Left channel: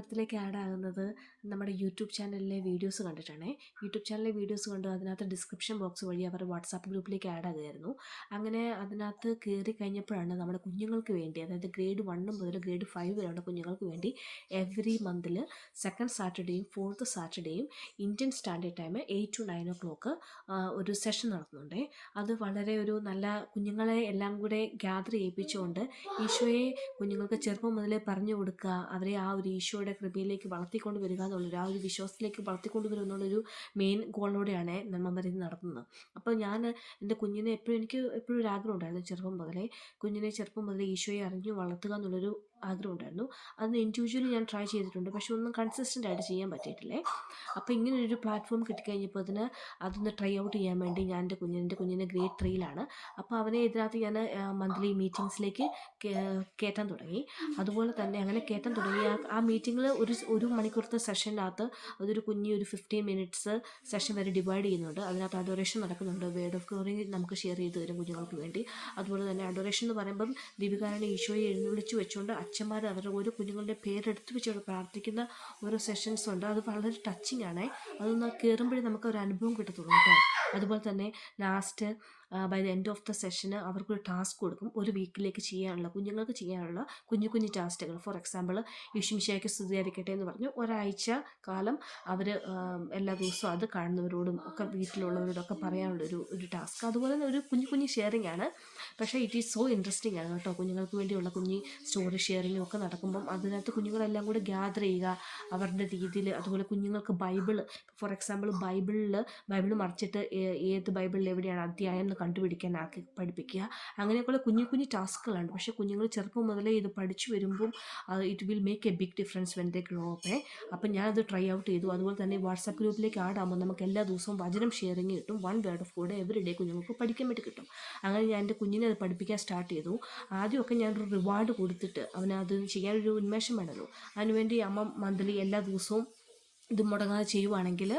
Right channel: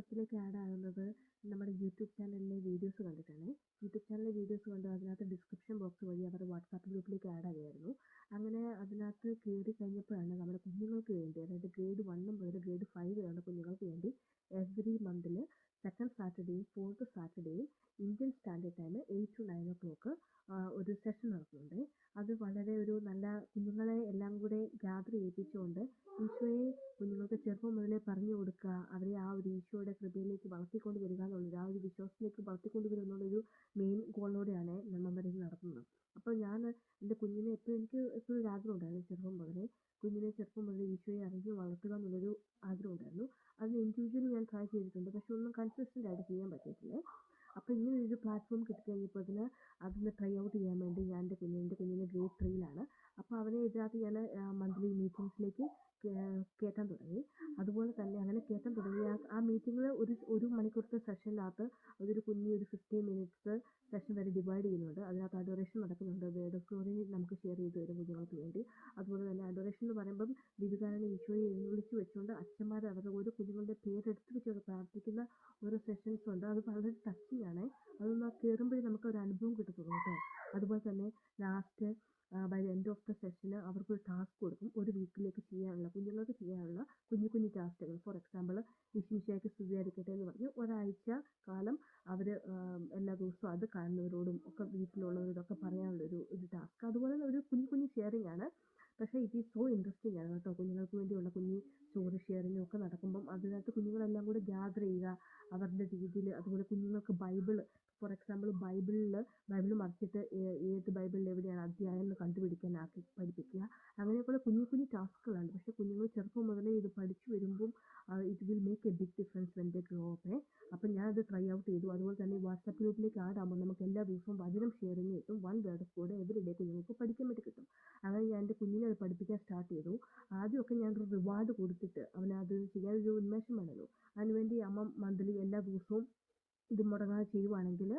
സംരംഭത്തിലേക്ക് add ആകുന്നത് നമ്മുടെ YouTube ചാനലിലെ വീഡിയോസ് കണ്ടിട്ടാണേ. യൂട്യൂബ് ചാനലിലെ വീഡിയോസ് കണ്ടു അതിനകത്ത് ഡിസ്ക്രിപ്ഷൻ ബോക്സ് വഴി അവർ വാട്സാപ്പ് ഗ്രൂപ്പിലേക്ക് ആഡ് ആകുമായിരുന്നു അങ്ങനെ അതിനകത്ത് കയറി കഴിഞ്ഞപ്പോഴാണ് നമ്മുടെ കുഞ്ഞുങ്ങൾക്ക് വേണ്ടി അതായത് ഗ്രേഡ് വണ്ണും മുതൽ ഗ്രേഡ് ഫൈവ് വരെയുള്ള കുഞ്ഞുങ്ങൾക്ക് വേണ്ടി എവറി മന്തിൽ സെക്കൻഡ് സാറ്റർഡേയും fourth സാറ്റർഡേയും Indian standard time eight to nine o'clock ഒരു സെഷൻ നടത്തുന്നുണ്ട്. അത് വളരെ ഒരു നല്ല കുഞ്ഞുങ്ങളെ എല്ലാം കൂടെ ഗ്യാദർ ചെയ്യിപ്പിച്ചുകൊണ്ട് ഈശോയെ കുഞ്ഞുങ്ങൾക്ക് ചെറുപ്പം മുതലേ പറഞ്ഞു കൊടുക്കുക. അവരെ ആ ഒരു ഈശോയുടെ കൃപയിലേക്ക് വളർത്തിക്കൊണ്ട് വരിക എന്നുള്ളൊരു ആ ഒരു വിശ്വാസത്തിലേക്ക് വളർത്തിക്കൊണ്ട് വരിക എന്നുള്ളൊരു മെയിൻ ഗോളിലൂടെയാണ് ഇത് നടത്തുന്നത് അപ്പോൾ ഞാൻ എന്റെ കുഞ്ഞിനെ എപ്പോഴും എനിക്ക് എപ്പോഴും ഒരു ആഗ്രഹം ഉണ്ടായിരുന്നു ചെറുപ്പം മുതലേ. കുഞ്ഞിനെ ചെറുപ്പം മുതലേ ഈശോയെ അറിഞ്ഞു വളർത്തുക എന്നുള്ളൊരു ആഗ്രഹം ഉണ്ടായിരുന്നു അത് ഇൻഡിവിജ്വലി ഞാൻ ട്രൈ ചെയ്തിട്ടുണ്ട്. പക്ഷെ ഒന്നും കൺസിസ്റ്റന്റ് ആയിട്ട് ചെയ്യാൻ പറ്റിയിട്ടില്ലേ. അപ്പോൾ ഇങ്ങനൊരു പ്ലാറ്റ്ഫോം കിട്ടിക്കഴിഞ്ഞപ്പോൾ അതിന് അതൊന്ന് ട്രൈ ഔട്ട് ചെയ്യാൻ വേണ്ടി ഞാൻ എന്റെ കുഞ്ഞിന് എന്റെ കുഞ്ഞിന് ഗ്രേഡ് ത്രീയിലാണ് അപ്പോൾ അവനെ ഇതിനകത്ത് ഞാൻ മന്ത്ലി മീറ്റിങ്സിലേക്ക് കയറ്റാൻ തുടങ്ങി. അതുപോലെ തന്നെ അങ്ങനെ കയറ്റാൻ തുടങ്ങി. ആ മീറ്റിങ്ങിൽ ഒരു ഒരു മണിക്കൂറത്തെ സെഷനകത്ത് അതൊരു കുഞ്ഞി ഒരു ഫിഫ്റ്റീൻ മിനിറ്റ്സ് സെഷൻ വരെ ഡിവൈഡ് ചെയ്യുന്നുണ്ട്. അതിനകത്ത് അഡോറേഷൻ നടക്കുന്നുണ്ട്. വേർഡ് ഓഫ് ഗ്ലോറി നമുക്ക് ഷെയർ ചെയ്ത് തരും കുഞ്ഞുങ്ങൾക്ക് വേണ്ടി. അതുപോലെ തന്നെ അഡോറേഷൻ എന്ന് പറയുമ്പം ദീപികാരനെ ഈശോയെ എഴുന്നള്ളിച്ച് വെച്ചുകൊണ്ട് അച്ഛന്മാർ അവരുടെ ഓരോ കുഞ്ഞുങ്ങളുടെ പേരെടുത്ത് വെച്ചവിടെ പ്രാർത്ഥിക്കുന്ന ഓരോ സെഷൻസ് ഉണ്ട്. അത് വളരെ ടച്ചിങ് ആണ്. അതൊന്ന് കയറുമ്പോഴേ നമുക്ക് ഒരു അനുഭവം കിട്ടത്തുള്ളൂ കേട്ടോ. അതുപോലെ തന്നെ last by the end of the സെഷന് അവർക്കൊരു ടാസ്ക് കൊടുക്കും. ഒരു വീക്കിലേക്ക് ചെയ്യാനുള്ള കുഞ്ഞുങ്ങൾക്ക് ചെയ്യാനുള്ള കുഞ്ഞു കുഞ്ഞു ടാസ്കുകൾ ഫോർ എക്സാമ്പിൾ യേശുമിശിയായ്ക്ക് സ്തുതിയായിരിക്കട്ടെ എന്ന് പറഞ്ഞു. ഒരാഴ്ച കാലം അവർ എല്ലാ ദിവസവും അത് കാണുന്നവരോടും ഒക്കെ വീട്ടിലുള്ളവരോടൊക്കെ പറയാനുള്ളൊരു ഒരു ടാസ്ക് അതുപോലെ തന്നെ ഒരു കുഞ്ഞു കുഞ്ഞു ഷെയറിംഗ് ആണ്. പക്ഷേ ഇറ്റ് ഈസ് സോ ഇൻട്രസ്റ്റിംഗ് ആണ് കേട്ടോ. കുഞ്ഞുങ്ങൾക്ക് വേണ്ടിയുള്ള കുഞ്ഞി സ്റ്റോറി ഷെയറിങ്ങും ഒക്കെ നടക്കുമ്പം അതിനകത്ത് കുഞ്ഞുങ്ങളെല്ലാം കൂടെ ഗ്യാദർ ചെയ്യുക അവരുടെ രീതിയിൽ അതുപോലെ കുഞ്ഞുങ്ങൾക്ക് ബൈബിൾ ഫോർ എക്സാമ്പിൾ ബൈബിളിൽ ബൈബിൾ മറിച്ചിട്ട് ഏത് ബൈബിളിൽ എവിടെയാണ് അധ്യായം കണ്ടുപിടിക്കാൻ ആക്കി പഠിപ്പിക്കുക. അങ്ങനെയൊക്കെയുള്ള കുഞ്ഞു കുഞ്ഞു ടാസ്കുകളുണ്ട് പക്ഷേ കുഞ്ഞുങ്ങൾ ചെറുപ്പം മുതലേ ഇത് പഠിച്ചു വരുമ്പം it will make a big difference when they grow അപ്പേ അപ്പം ഞാനത് ട്രൈ ഔട്ട് ചെയ്തു. അതുപോലെ തന്നെ വാട്സാപ്പ് ഗ്രൂപ്പിലേക്ക് ആഡ് ആകുമ്പോൾ നമുക്ക് എല്ലാ ദിവസവും വചനം ഷെയറിങ് കിട്ടും. One word of God every day കുഞ്ഞുങ്ങൾക്ക് പഠിക്കാൻ വേണ്ടി കിട്ടും. അങ്ങനെ ഞാൻ എന്റെ കുഞ്ഞിനെ അത് പഠിപ്പിക്കാൻ സ്റ്റാർട്ട് ചെയ്തു. ആദ്യമൊക്കെ ഞാനൊരു റിവാർഡ് കൊടുത്തിട്ട് അവനത് ചെയ്യാനൊരു ഉന്മേഷം വേണമല്ലോ. അതിനുവേണ്ടി അമ്മ മന്ത്ലി എല്ലാ ദിവസവും ഇത് മുടങ്ങാതെ ചെയ്യുവാണെങ്കിൽ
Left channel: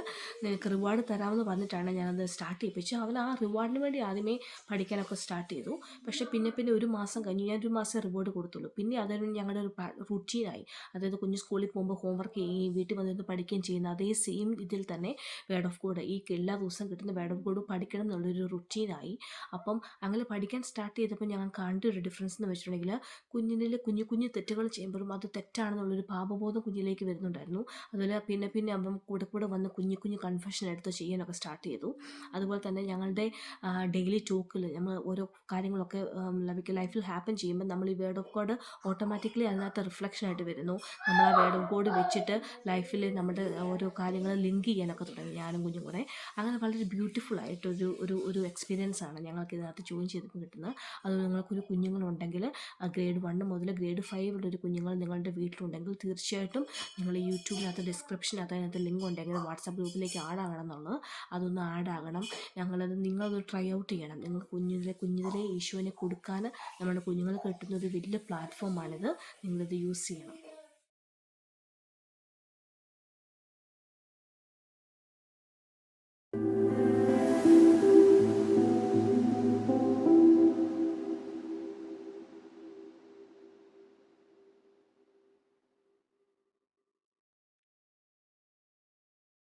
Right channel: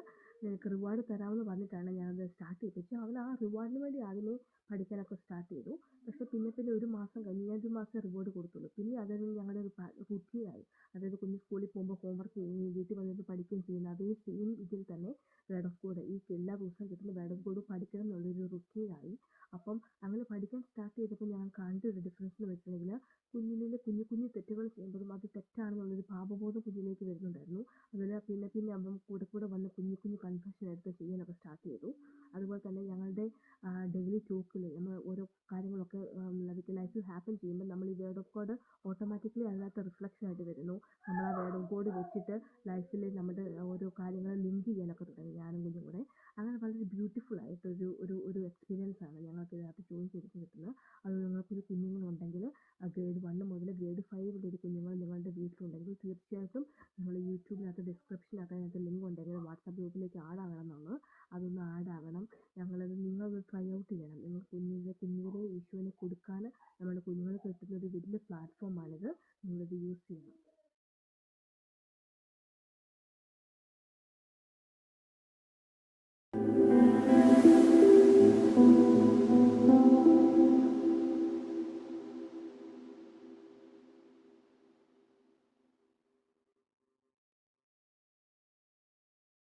നിനക്ക് റിവാർഡ് തരാമെന്ന് പറഞ്ഞിട്ടാണ് ഞാനത് സ്റ്റാർട്ട് ചെയ്യിപ്പിച്ചു അവൻ ആ റിവാർഡിന് വേണ്ടി ആദ്യമേ പഠിക്കാനൊക്കെ സ്റ്റാർട്ട് ചെയ്തു. പക്ഷേ പിന്നെ പിന്നെ ഒരു മാസം കഴിഞ്ഞു. ഞാൻ ഒരു മാസം റിവാർഡ് കൊടുത്തുള്ളൂ. പിന്നെ അതൊരു ഞങ്ങളുടെ ഒരു റുട്ടീനായി അതായത് കുഞ്ഞ് സ്കൂളിൽ പോകുമ്പോൾ ഹോംവർക്ക് ചെയ്യുകയും വീട്ടിൽ വന്നിരുന്ന് പഠിക്കുകയും ചെയ്യുന്ന അതേ സെയിം ഇതിൽ തന്നെ വേഡ് ഓഫ് കോഡ് ഈ എല്ലാ ദിവസവും കിട്ടുന്ന വേഡ് ഓഫ് കോഡ് പഠിക്കണം എന്നുള്ളൊരു റുട്ടീനായി അപ്പം അങ്ങനെ പഠിക്കാൻ സ്റ്റാർട്ട് ചെയ്തപ്പോൾ ഞങ്ങൾ കണ്ട ഒരു ഡിഫറൻസ് എന്ന് വെച്ചിട്ടുണ്ടെങ്കിൽ കുഞ്ഞിനെ കുഞ്ഞു കുഞ്ഞു തെറ്റുകൾ ചെയ്യുമ്പോഴും അത് തെറ്റാണെന്നുള്ളൊരു പാപബോധം കുഞ്ഞിലേക്ക് വരുന്നുണ്ടായിരുന്നു. അതുപോലെ പിന്നെ പിന്നെ അപ്പം കൂടെ കൂടെ വന്ന് കുഞ്ഞു കുഞ്ഞു കൺഫെഷൻ എടുത്ത് ചെയ്യാനൊക്കെ സ്റ്റാർട്ട് ചെയ്തു. അതുപോലെ തന്നെ ഞങ്ങളുടെ ഡെയിലി ടോക്കിൽ നമ്മൾ ഓരോ കാര്യങ്ങളൊക്കെ ലൈക്ക് ലൈഫിൽ ഹാപ്പൻ ചെയ്യുമ്പോൾ നമ്മൾ ഈ വേർഡ് ഓഫ് ഗോഡ് ഓട്ടോമാറ്റിക്കലി അതിനകത്ത് റിഫ്ലക്ഷൻ ആയിട്ട് വരുന്നു. നമ്മൾ ആ വേർഡ് ഓഫ് ഗോഡ് വെച്ചിട്ട് ലൈഫിൽ നമ്മുടെ ഓരോ കാര്യങ്ങൾ ലിങ്ക് ചെയ്യാനൊക്കെ തുടങ്ങി ഞാനും കുഞ്ഞും കൂടെ. അങ്ങനെ വളരെ ബ്യൂട്ടിഫുൾ ആയിട്ടൊരു ഒരു ഒരു എക്സ്പീരിയൻസ് ആണ് ഞങ്ങൾക്ക് ഇതിനകത്ത് ജോയിൻ ചെയ്തപ്പോൾ കിട്ടുന്നത്. അത് നിങ്ങൾക്കൊരു കുഞ്ഞുങ്ങളുണ്ടെങ്കിൽ ഗ്രേഡ് വൺ മുതൽ ഗ്രേഡ് ഫൈവ് ഉള്ള ഒരു കുഞ്ഞുങ്ങൾ നിങ്ങളുടെ വീട്ടിലുണ്ടെങ്കിൽ തീർച്ചയായിട്ടും നിങ്ങൾ യൂട്യൂബിനകത്ത് ഡിസ്ക്രിപ്ഷനകത്ത് അതിനകത്ത് ലിങ്ക് ഉണ്ടെങ്കിൽ വാട്സാപ്പ് ഗ്രൂപ്പിലേക്ക് ആഡ് ആകണം എന്നുള്ളത് അതൊന്ന് ആഡ് ആകണം. ഞങ്ങളത് നിങ്ങളത് ട്രൈ ഔട്ട് ചെയ്യണം. നിങ്ങൾ കുഞ്ഞിലെ കുഞ്ഞിലെ ഈശോനെ കൊടുക്കാൻ നമ്മുടെ കുഞ്ഞുങ്ങൾക്ക് കിട്ടുന്ന ഒരു വലിയ പ്ലാറ്റ്ഫോമാണിത് നിങ്ങളിത് യൂസ് ചെയ്യണം.